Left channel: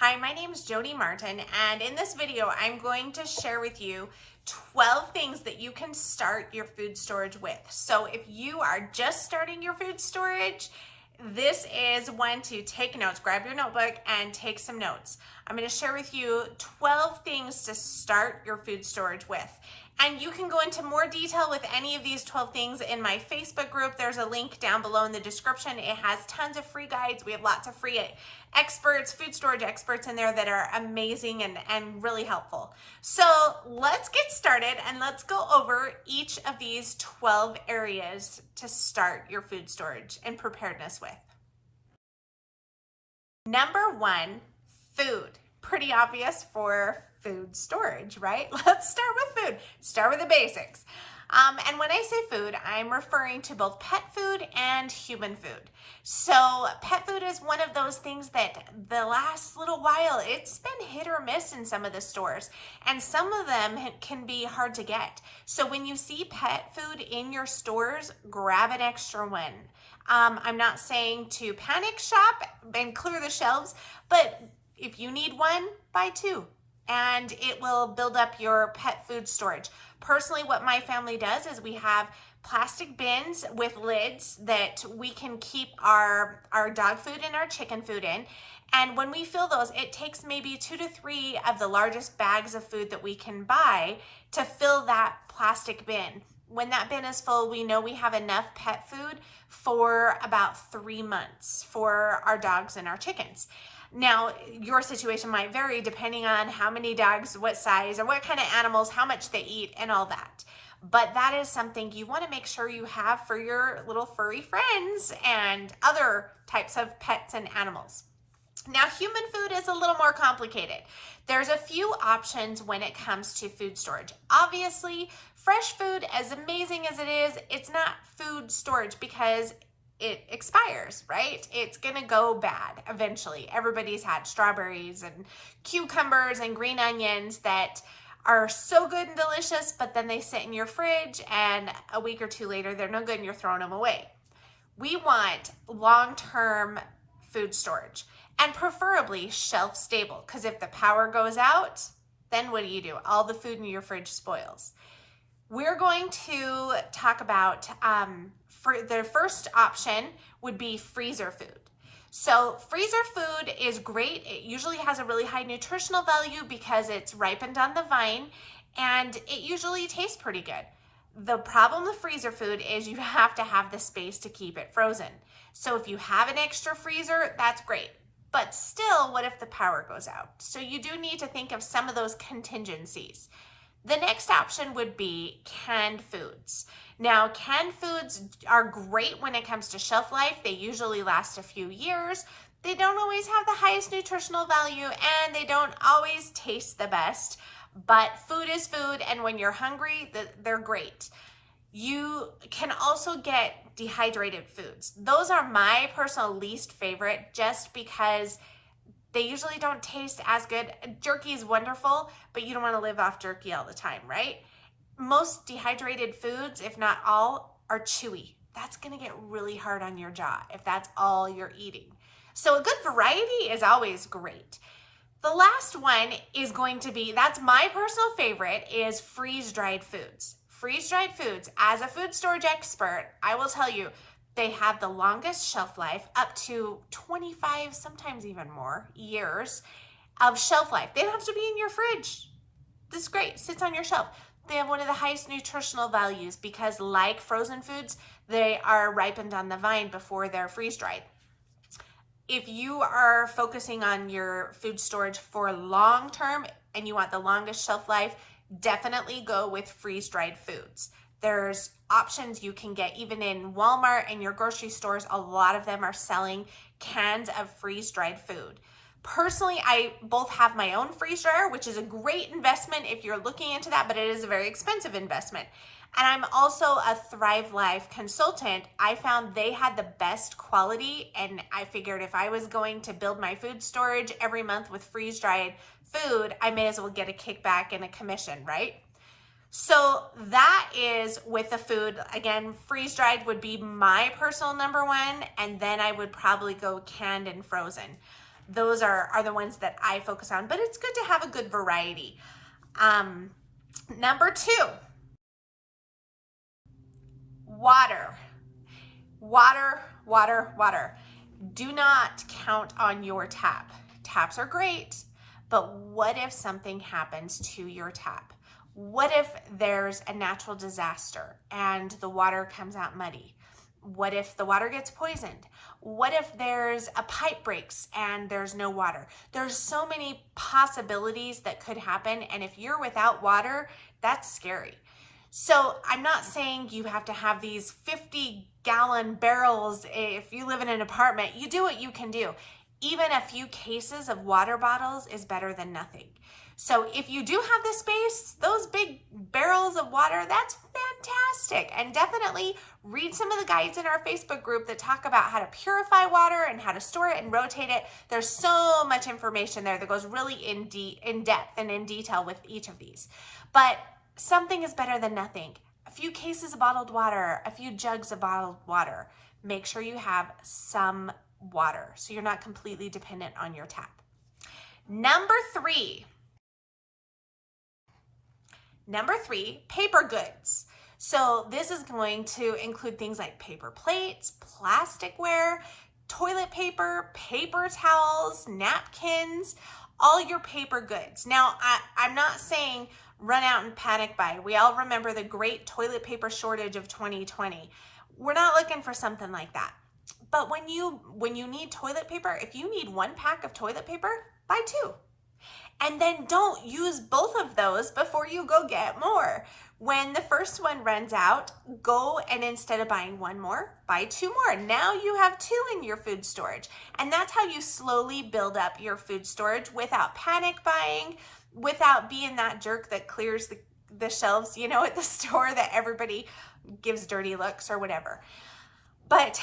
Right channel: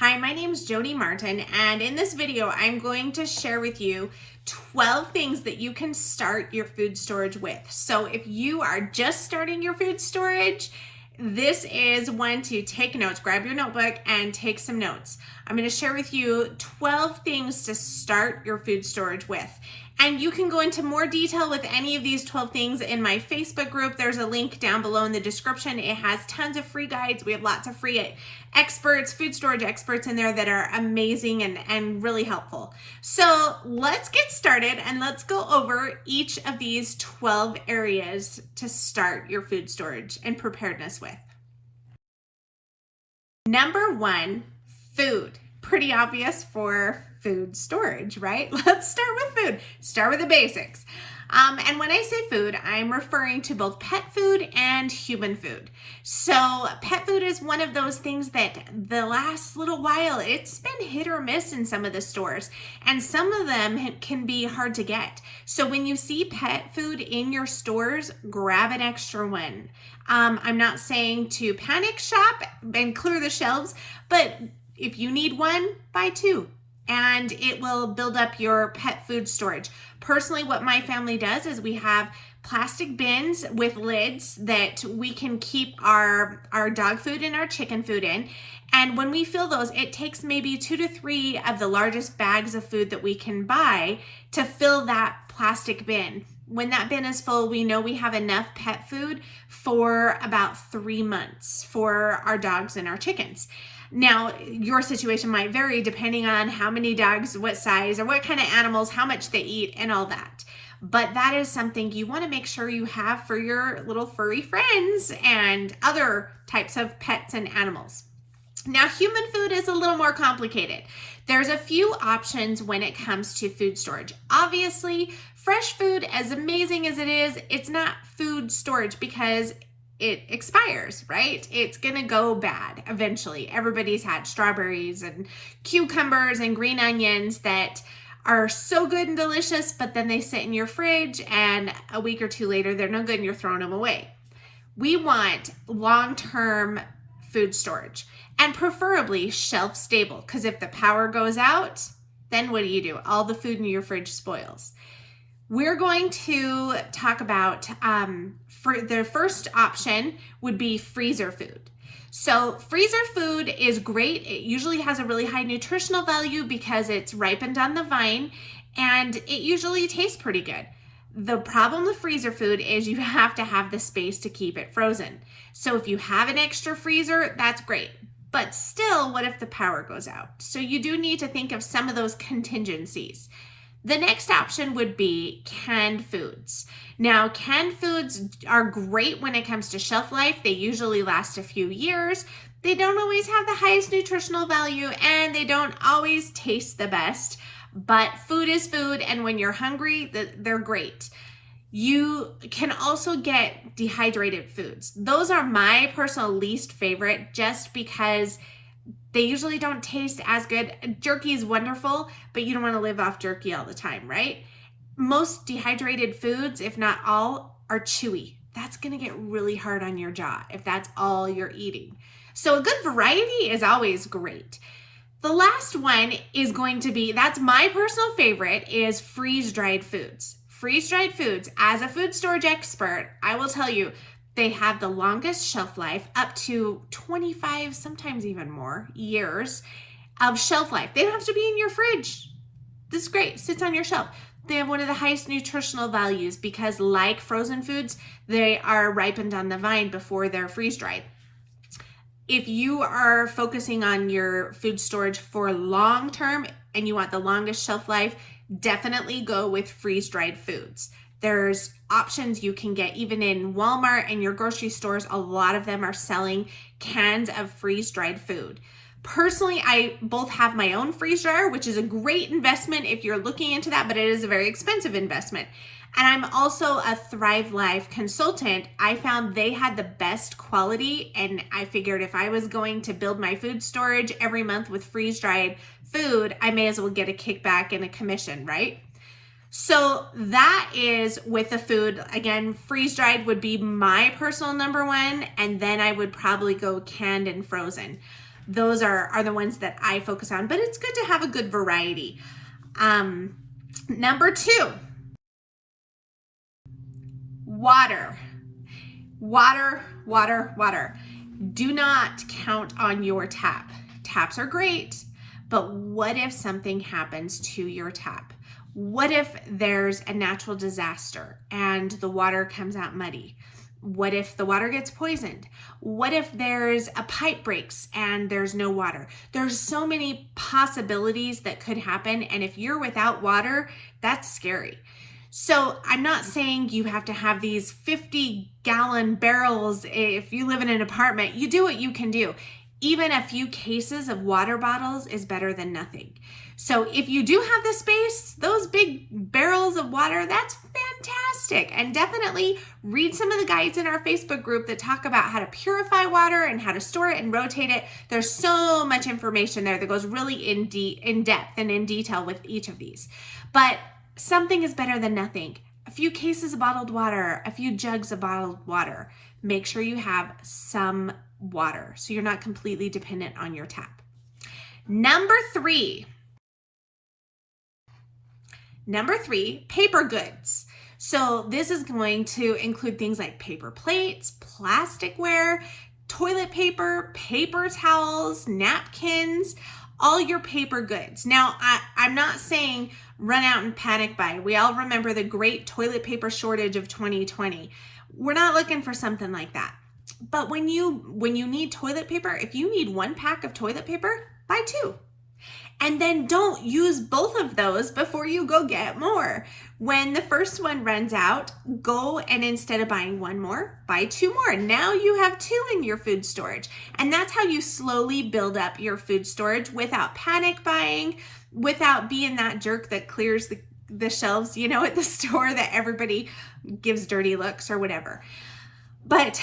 Hi, my name is Jody Martin, and in this video, I'm going to share with you 12 things that you can start your food storage with. So if you are just starting your food storage, this is one to take notes. Grab your notebook and take some notes. I'm going to share with you 12 things to start your food storage with. And you can go into more detail with any of these 12 things in my Facebook group. There's a link down below in the description. It has tons of free guides. We have lots of free experts, food storage experts in there that are amazing and really helpful. So let's get started and let's go over each of these 12 areas to start your food storage and preparedness with. Number one, food. Pretty obvious for food storage, right? Let's start with food. Start with the basics. And when I say food, I'm referring to both pet food and human food. So pet food is one of those things that the last little while, it's been hit or miss in some of the stores, and some of them can be hard to get. So when you see pet food in your stores, grab an extra one. I'm not saying to panic shop and clear the shelves, but if you need one, buy two, and it will build up your pet food storage. Personally, what my family does is we have plastic bins with lids that we can keep our dog food and our chicken food in. And when we fill those, it takes maybe 2 to 3 of the largest bags of food that we can buy to fill that plastic bin. When that bin is full, we know we have enough pet food for about 3 months for our dogs and our chickens. Now, your situation might vary depending on how many dogs, what size, or what kind of animals, how much they eat, and all that. But that is something you want to make sure you have for your little furry friends and other types of pets and animals. Now, human food is a little more complicated. There's a few options when it comes to food storage. Obviously, fresh food, as amazing as it is, it's not food storage because it expires, right? It's gonna go bad eventually. Everybody's had strawberries and cucumbers and green onions that are so good and delicious, but then they sit in your fridge and a week or two later, they're no good and you're throwing them away. We want long-term food storage and preferably shelf stable, because if the power goes out, then what do? All the food in your fridge spoils. We're going to talk about, for the first option would be freezer food. So freezer food is great. It usually has a really high nutritional value because it's ripened on the vine and it usually tastes pretty good. The problem with freezer food is you have to have the space to keep it frozen. So if you have an extra freezer, that's great. But still, what if the power goes out? So you do need to think of some of those contingencies. The next option would be canned foods. Now, canned foods are great when it comes to shelf life. They usually last a few years. They don't always have the highest nutritional value and they don't always taste the best, but food is food, and when you're hungry, they're great. You can also get dehydrated foods. Those are my personal least favorite just because they usually don't taste as good. Jerky is wonderful, but you don't want to live off jerky all the time, right? Most dehydrated foods, if not all, are chewy. That's going to get really hard on your jaw if that's all you're eating. So a good variety is always great. The last one is going to be, that's my personal favorite, is freeze-dried foods. Freeze-dried foods, as a food storage expert, I will tell you, they have the longest shelf life, up to 25, sometimes even more, years of shelf life. They don't have to be in your fridge. This is great, sits on your shelf. They have one of the highest nutritional values because, like frozen foods, they are ripened on the vine before they're freeze-dried. If you are focusing on your food storage for long term and you want the longest shelf life, definitely go with freeze-dried foods. There's options you can get even in Walmart and your grocery stores. A lot of them are selling cans of freeze-dried food. Personally, I both have my own freeze dryer, which is a great investment if you're looking into that, but it is a very expensive investment. And I'm also a Thrive Life consultant. I found they had the best quality, and I figured if I was going to build my food storage every month with freeze-dried food, I may as well get a kickback and a commission, right? So that is with the food. Again, freeze-dried would be my personal number one, and then I would probably go canned and frozen. those are the ones that I focus on, but it's good to have a good variety. Number 2, water. Water, water, water. Do not count on your tap. Taps are great, but what if something happens to your tap? What if there's a natural disaster and the water comes out muddy? What if the water gets poisoned? What if there's a pipe breaks and there's no water? There's so many possibilities that could happen, and if you're without water, that's scary. So I'm not saying you have to have these 50-gallon barrels. If you live in an apartment, you do what you can do. Even a few cases of water bottles is better than nothing. So if you do have the space, those big barrels of water, that's fantastic. And definitely read some of the guides in our Facebook group that talk about how to purify water and how to store it and rotate it. There's so much information there that goes really in depth and in detail with each of these. But something is better than nothing. A few cases of bottled water, a few jugs of bottled water. Make sure you have some water so you're not completely dependent on your tap. Number 3, paper goods. So this is going to include things like paper plates, plasticware, toilet paper, paper towels, napkins, all your paper goods. Now, I'm not saying run out and panic buy. We all remember the great toilet paper shortage of 2020. We're not looking for something like that. But when you need toilet paper, if you need 1 pack of toilet paper, buy 2. And then don't use both of those before you go get more. When the first one runs out, go and instead of buying 1 more, buy 2 more. Now you have 2 in your food storage. And that's how you slowly build up your food storage without panic buying, without being that jerk that clears the shelves, at the store that everybody gives dirty looks or whatever. But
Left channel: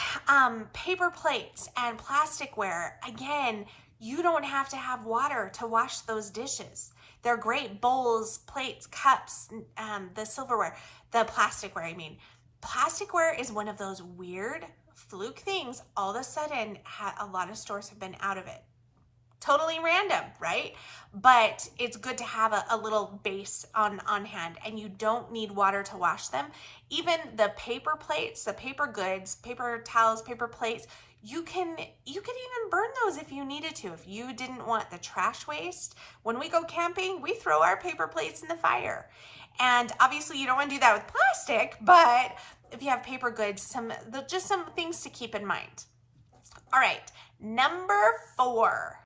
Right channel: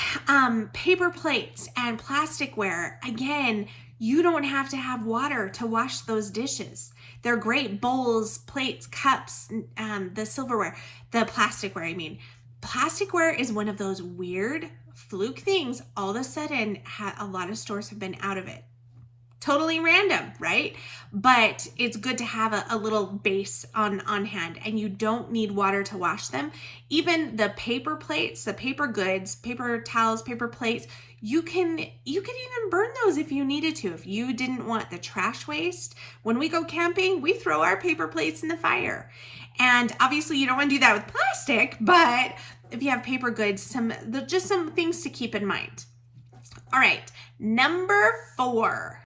paper plates and plasticware, again, you don't have to have water to wash those dishes. They're great bowls, plates, cups, the silverware, the plasticware, I mean. Plasticware is one of those weird fluke things. All of a sudden, a lot of stores have been out of it. Totally random, right? But it's good to have a little base on hand, and you don't need water to wash them. Even the paper plates, the paper goods, paper towels, paper plates, you can even burn those if you needed to. If you didn't want the trash waste, when we go camping, we throw our paper plates in the fire. And obviously you don't want to do that with plastic, but if you have paper goods, just some things to keep in mind. All right, number 4,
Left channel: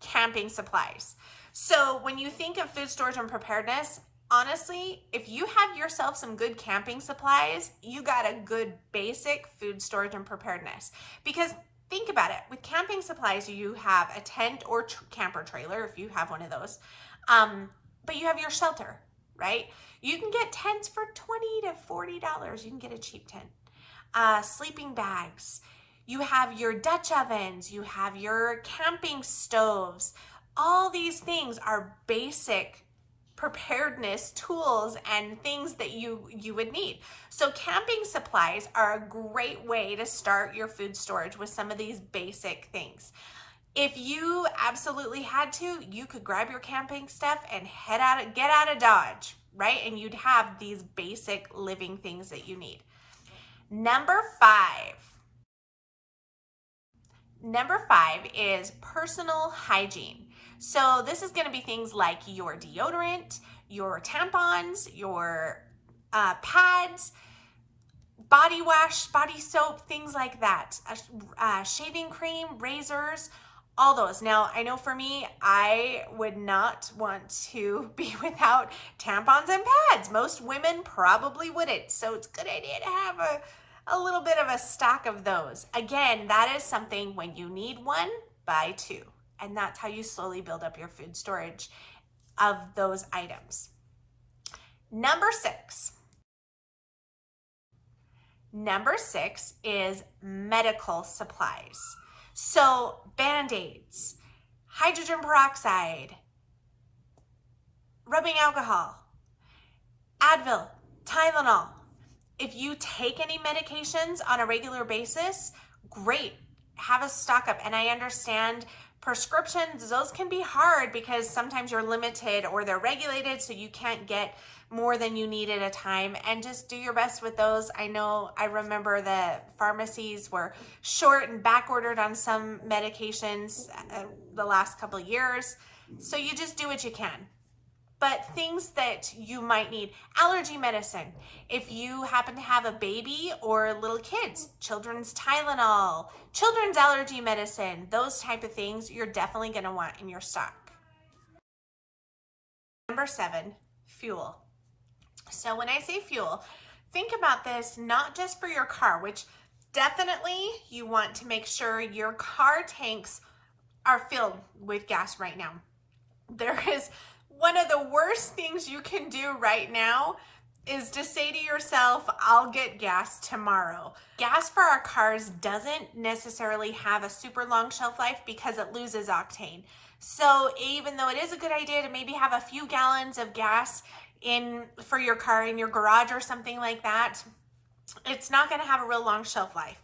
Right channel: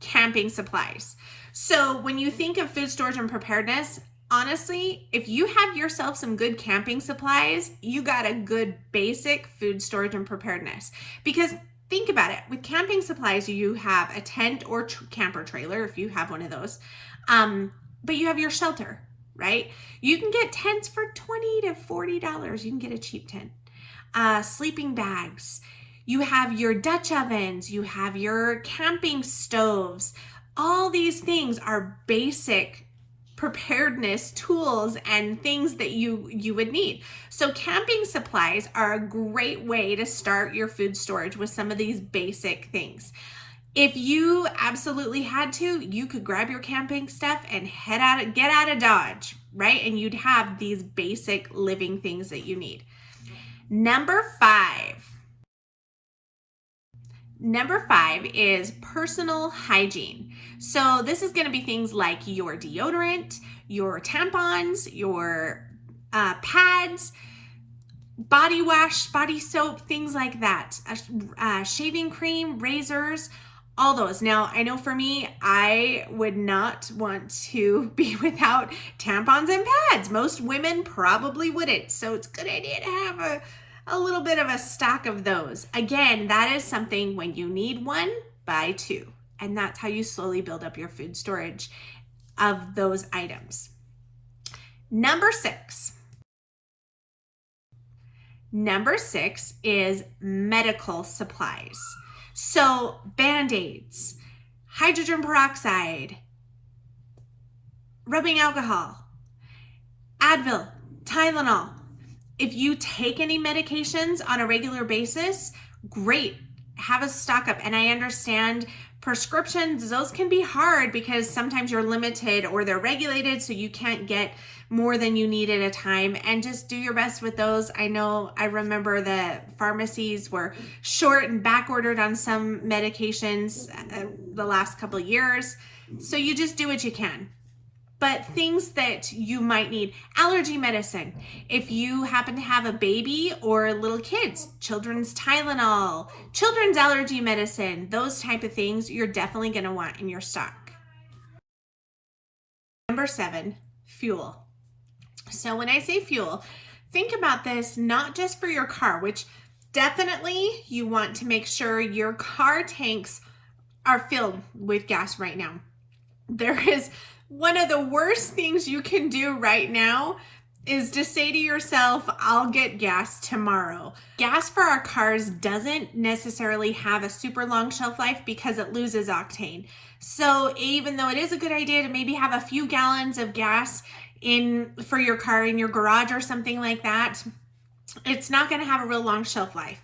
camping supplies. So when you think of food storage and preparedness, honestly, if you have yourself some good camping supplies, you got a good basic food storage and preparedness. Because think about it, with camping supplies, you have a tent or camper trailer, if you have one of those, but you have your shelter, right? You can get tents for $20 to $40. You can get a cheap tent. Sleeping bags. You have your Dutch ovens, you have your camping stoves. All these things are basic preparedness tools and things that you would need. So camping supplies are a great way to start your food storage with some of these basic things. If you absolutely had to, you could grab your camping stuff and get out of Dodge, right? And you'd have these basic living things that you need. Number 5 is personal hygiene. So this is going to be things like your deodorant, your tampons, your pads, body wash, body soap, things like that, shaving cream, razors, all those. Now, I know for me, I would not want to be without tampons and pads. Most women probably wouldn't. So it's a good idea to have a little bit of a stock of those. Again, that is something when you need 1, buy 2. And that's how you slowly build up your food storage of those items. Number 6 is medical supplies. So Band-Aids, hydrogen peroxide, rubbing alcohol, Advil, Tylenol. If you take any medications on a regular basis, great. have a stock up. And I understand prescriptions, those can be hard because sometimes you're limited or they're regulated, so you can't get more than you need at a time, and just do your best with those. I remember the pharmacies were short and back ordered on some medications the last couple of years. So you just do what you can. But things that you might need, allergy medicine. If you happen to have a baby or little kids, children's Tylenol, children's allergy medicine, those type of things you're definitely going to want in your stock. Number 7, fuel. So when I say fuel, think about this not just for your car, which definitely you want to make sure your car tanks are filled with gas right now. There is one of the worst things you can do right now is to say to yourself, I'll get gas tomorrow. Gas for our cars doesn't necessarily have a super long shelf life because it loses octane. So even though it is a good idea to maybe have a few gallons of gas for your car in your garage or something like that, it's not going to have a real long shelf life.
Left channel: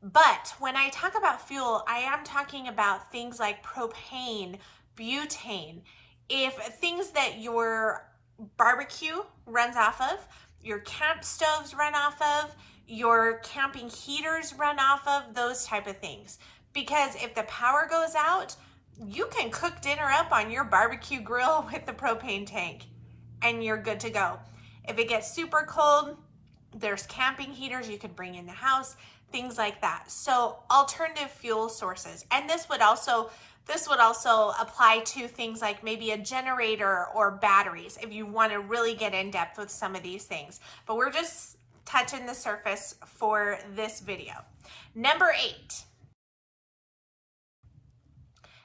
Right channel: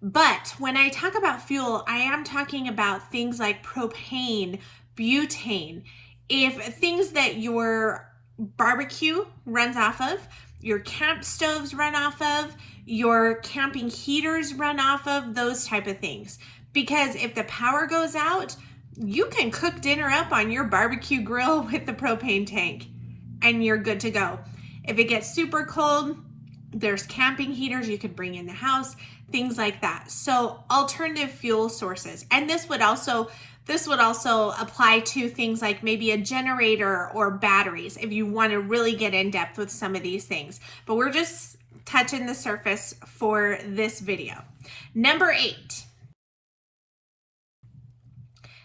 But when I talk about fuel, I am talking about things like propane, butane, if things that your barbecue runs off of, your camp stoves run off of, your camping heaters run off of, those type of things. Because if the power goes out, you can cook dinner up on your barbecue grill with the propane tank and you're good to go. If it gets super cold, there's camping heaters you could bring in the house, things like that. So alternative fuel sources. And this would also apply to things like maybe a generator or batteries if you want to really get in depth with some of these things. But we're just touching the surface for this video. Number 8.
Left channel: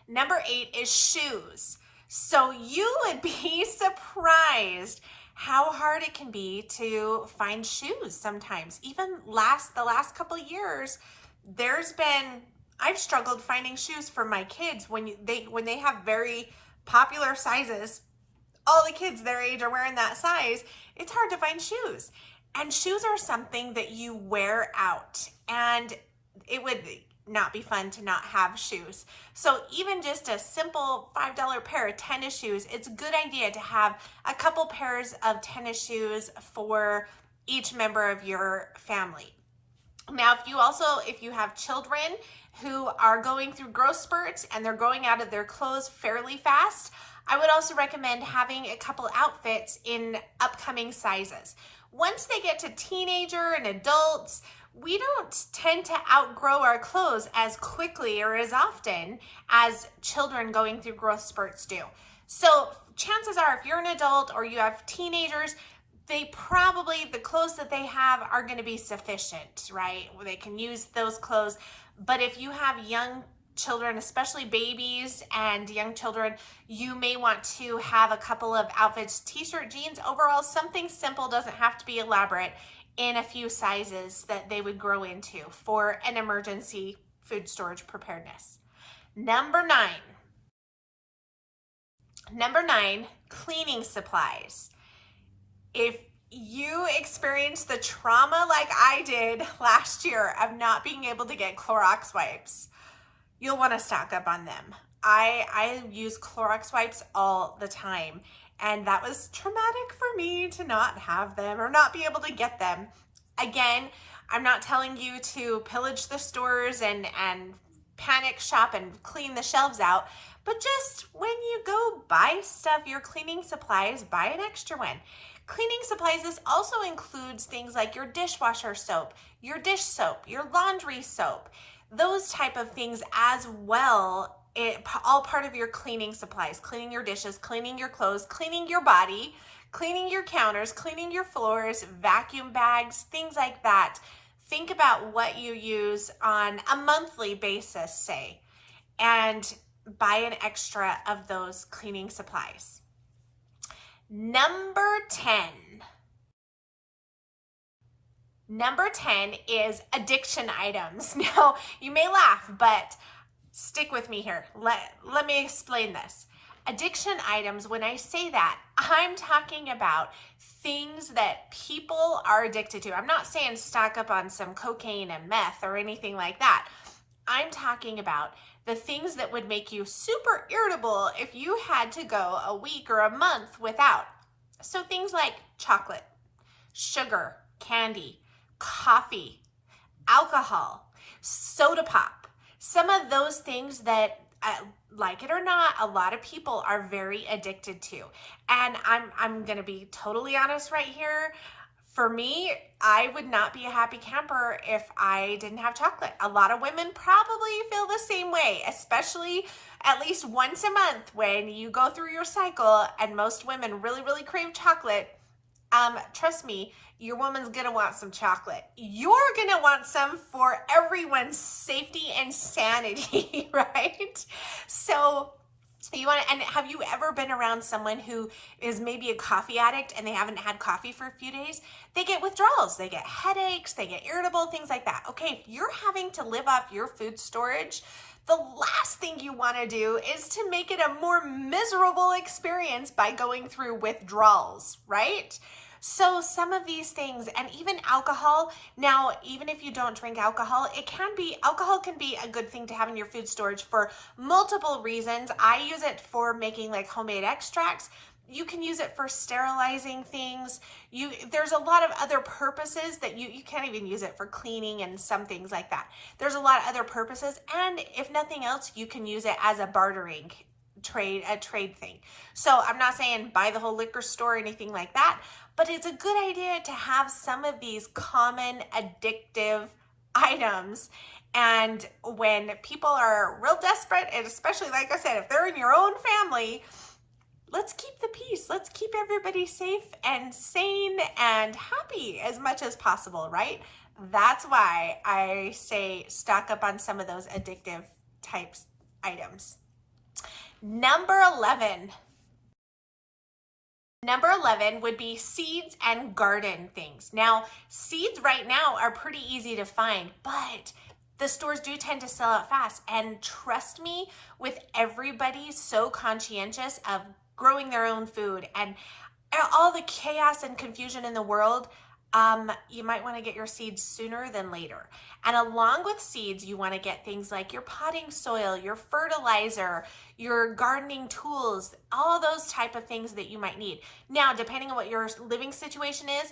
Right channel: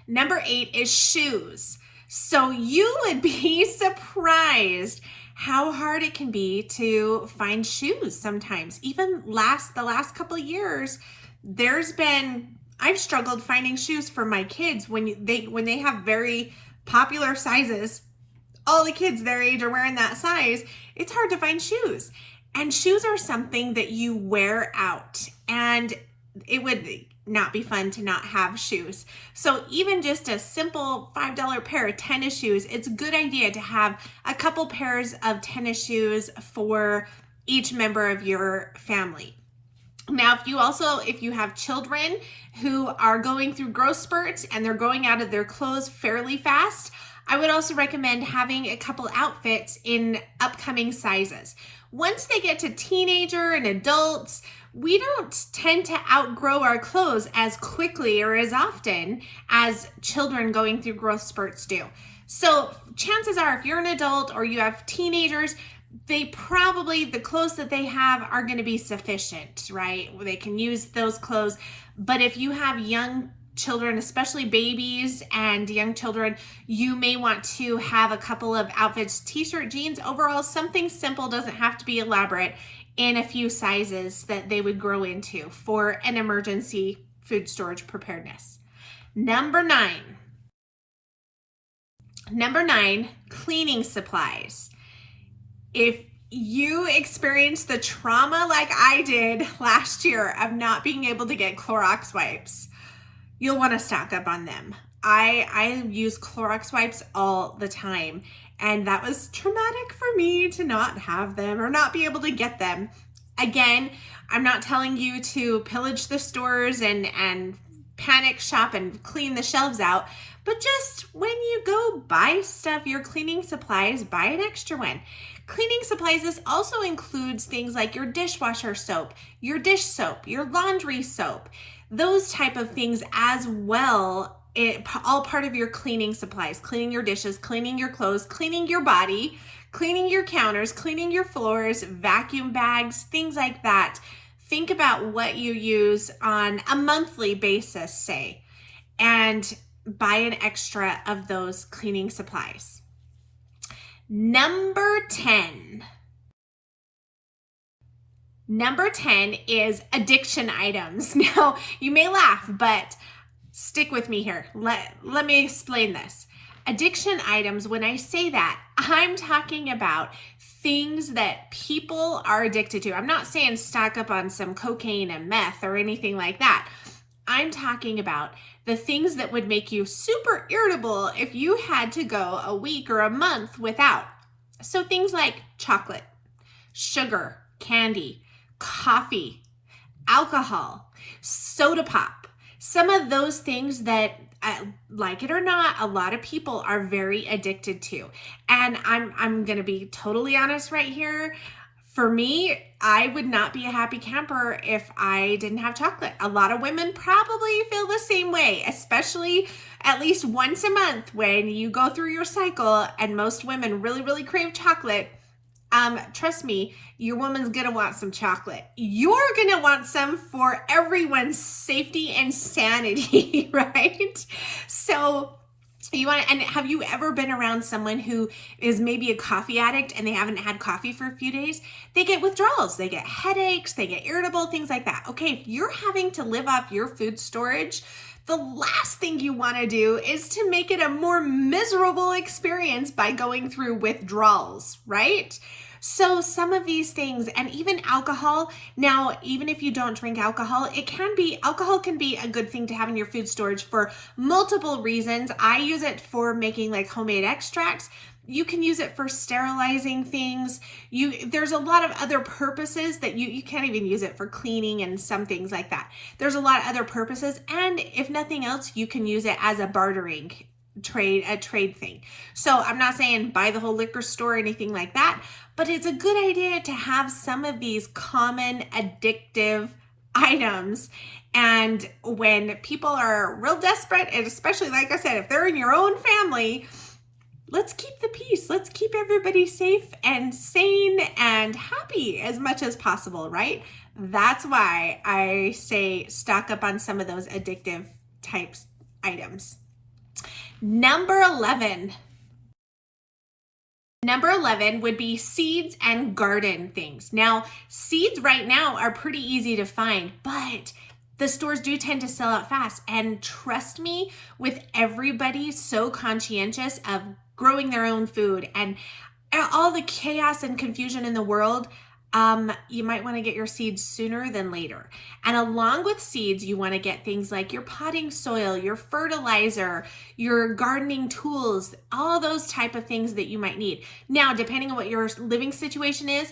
Number 8 is shoes. So you would be surprised how hard it can be to find shoes sometimes. Even the last couple of years, I've struggled finding shoes for my kids when they have very popular sizes. All the kids their age are wearing that size. It's hard to find shoes. And shoes are something that you wear out, and it would not be fun to not have shoes. So even just a simple $5 pair of tennis shoes, it's a good idea to have a couple pairs of tennis shoes for each member of your family. Now, if you have children who are going through growth spurts and they're growing out of their clothes fairly fast, I would also recommend having a couple outfits in upcoming sizes. Once they get to teenager and adults, we don't tend to outgrow our clothes as quickly or as often as children going through growth spurts do. So chances are, if you're an adult or you have teenagers, the clothes that they have are going to be sufficient, right? They can use those clothes. But if you have young children, especially babies and young children, you may want to have a couple of outfits, t-shirt, jeans, overalls, something simple, doesn't have to be elaborate, in a few sizes that they would grow into for an emergency food storage preparedness. Number 9, cleaning supplies. If you experienced the trauma like I did last year of not being able to get Clorox wipes, you'll want to stock up on them. I use Clorox wipes all the time, and that was traumatic for me to not have them or not be able to get them. Again, I'm not telling you to pillage the stores and panic shop and clean the shelves out, but just when you go buy stuff, your cleaning supplies, buy an extra one. Cleaning supplies, this also includes things like your dishwasher soap, your dish soap, your laundry soap, those type of things as well. All part of your cleaning supplies, cleaning your dishes, cleaning your clothes, cleaning your body, cleaning your counters, cleaning your floors, vacuum bags, things like that. Think about what you use on a monthly basis, say, and buy an extra of those cleaning supplies. Number 10 is addiction items. Now, you may laugh, but stick with me here. Let me explain this. Addiction items, when I say that, I'm talking about things that people are addicted to. I'm not saying stock up on some cocaine and meth or anything like that. I'm talking about the things that would make you super irritable if you had to go a week or a month without. So things like chocolate, sugar, candy, coffee, alcohol, soda pop, some of those things that, like it or not, a lot of people are very addicted to. And I'm going to be totally honest right here. For me, I would not be a happy camper if I didn't have chocolate. A lot of women probably feel the same way, especially at least once a month when you go through your cycle, and most women really, really crave chocolate. Trust me, your woman's gonna want some chocolate. You're gonna want some for everyone's safety and sanity, right? So you want to, and have you ever been around someone who is maybe a coffee addict and they haven't had coffee for a few days? They get withdrawals, they get headaches, they get irritable, things like that. Okay, if you're having to live off your food storage, the last thing you want to do is to make it a more miserable experience by going through withdrawals, right? So some of these things, and even alcohol, now, even if you don't drink alcohol, alcohol can be a good thing to have in your food storage for multiple reasons. I use it for making like homemade extracts. You can use it for sterilizing things. There's a lot of other purposes that you can't even use it for cleaning and some things like that. There's a lot of other purposes. And if nothing else, you can use it as a bartering a trade thing. So I'm not saying buy the whole liquor store or anything like that, but it's a good idea to have some of these common addictive items. And when people are real desperate, and especially, like I said, if they're in your own family, let's keep the peace. Let's keep everybody safe and sane and happy as much as possible, right? That's why I say stock up on some of those addictive types items. Number 11 would be seeds and garden things. Now, seeds right now are pretty easy to find, but the stores do tend to sell out fast. And trust me, with everybody so conscientious of growing their own food and all the chaos and confusion in the world, you might want to get your seeds sooner than later. And along with seeds, you want to get things like your potting soil, your fertilizer, your gardening tools, all those type of things that you might need. Now, depending on what your living situation is,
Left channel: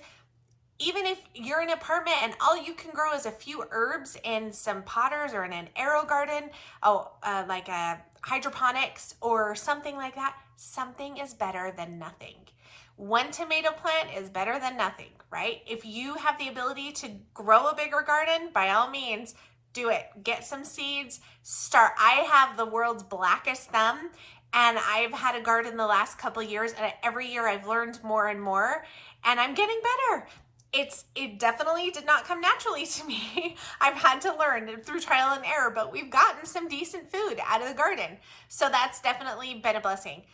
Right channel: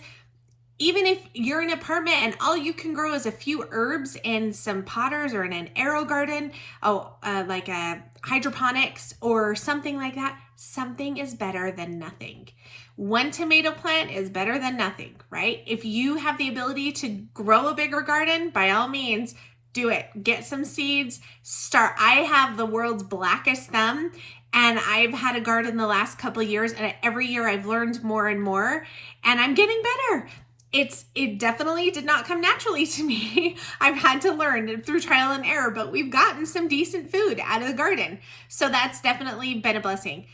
even if you're in an apartment and all you can grow is a few herbs in some potters or in an aero garden, like a hydroponics or something like that, something is better than nothing. One tomato plant is better than nothing, right? If you have the ability to grow a bigger garden, by all means, do it. Get some seeds, start. I have the world's blackest thumb, and I've had a garden the last couple of years, and every year I've learned more and more, and I'm getting better. It definitely did not come naturally to me. I've had to learn through trial and error, but we've gotten some decent food out of the garden. So that's definitely been a blessing.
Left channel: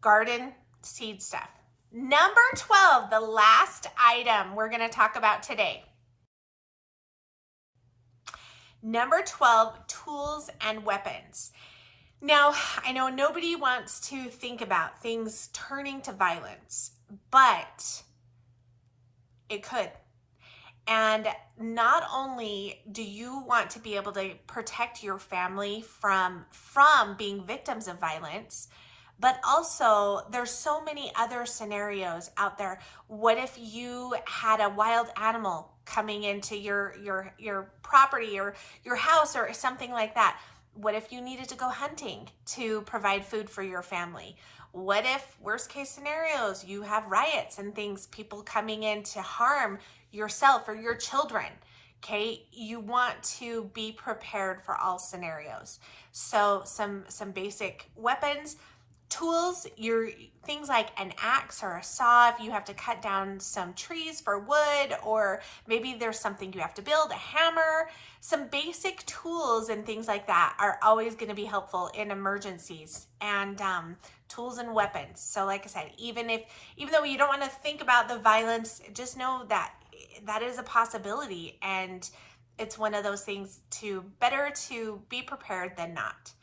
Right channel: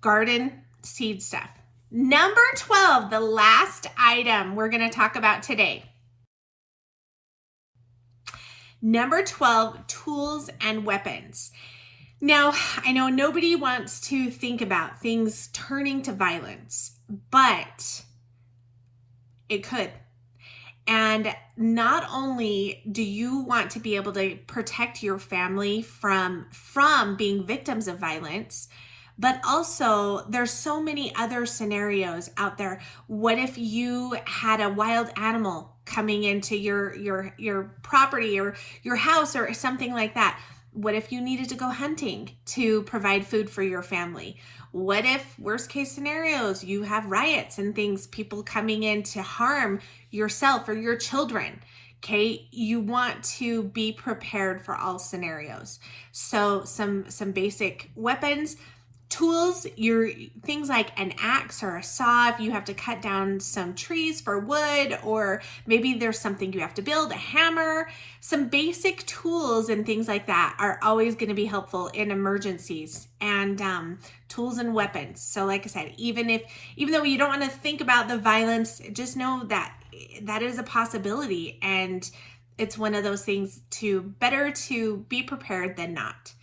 Garden, seed stuff. Number 12, the last item we're going to talk about today. Number 12, tools and weapons. Now, I know nobody wants to think about things turning to violence, but it could. And not only do you want to be able to protect your family from being victims of violence, but also there's so many other scenarios out there. What if you had a wild animal coming into your property or your house or something like that? What if you needed to go hunting to provide food for your family? What if, worst case scenarios, you have riots and things, people coming in to harm yourself or your children? Okay, you want to be prepared for all scenarios. So some basic weapons. Tools, your things like an axe or a saw if you have to cut down some trees for wood, or maybe there's something you have to build, a hammer. Some basic tools and things like that are always going to be helpful in emergencies, and tools and weapons. So like I said, even though you don't want to think about the violence, just know that that is a possibility, and it's one of those things better to be prepared than not.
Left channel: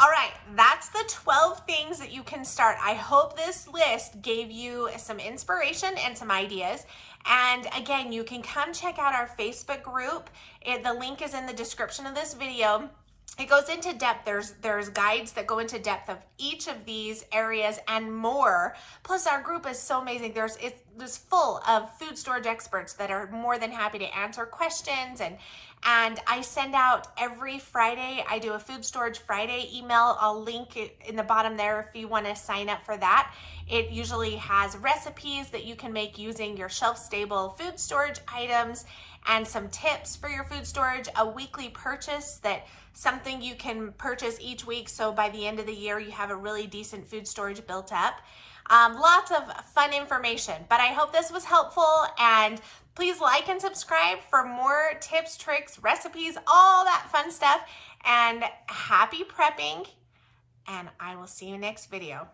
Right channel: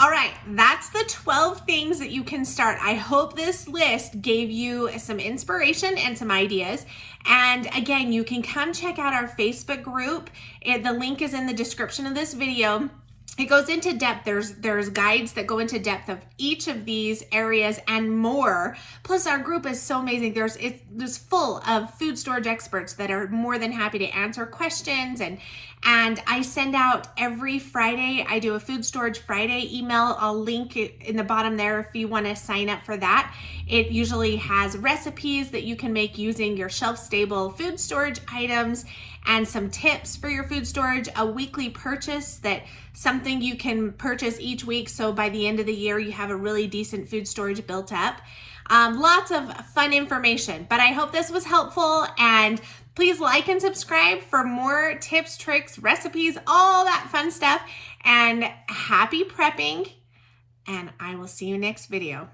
All right, that's the 12 things that you can start. I hope this list gave you some inspiration and some ideas. And again, you can come check out our Facebook group. The link is in the description of this video. It goes into depth. There's guides that go into depth of each of these areas and more. Plus, our group is so amazing. It's full of food storage experts that are more than happy to answer questions, and I send out every Friday. I do a Food Storage Friday email. I'll link it in the bottom there if you want to sign up for that. It usually has recipes that you can make using your shelf-stable food storage items and some tips for your food storage, a weekly purchase, that something you can purchase each week, so by the end of the year you have a really decent food storage built up. Lots of fun information, but I hope this was helpful, and please like and subscribe for more tips, tricks, recipes, all that fun stuff, and happy prepping, and I will see you next video.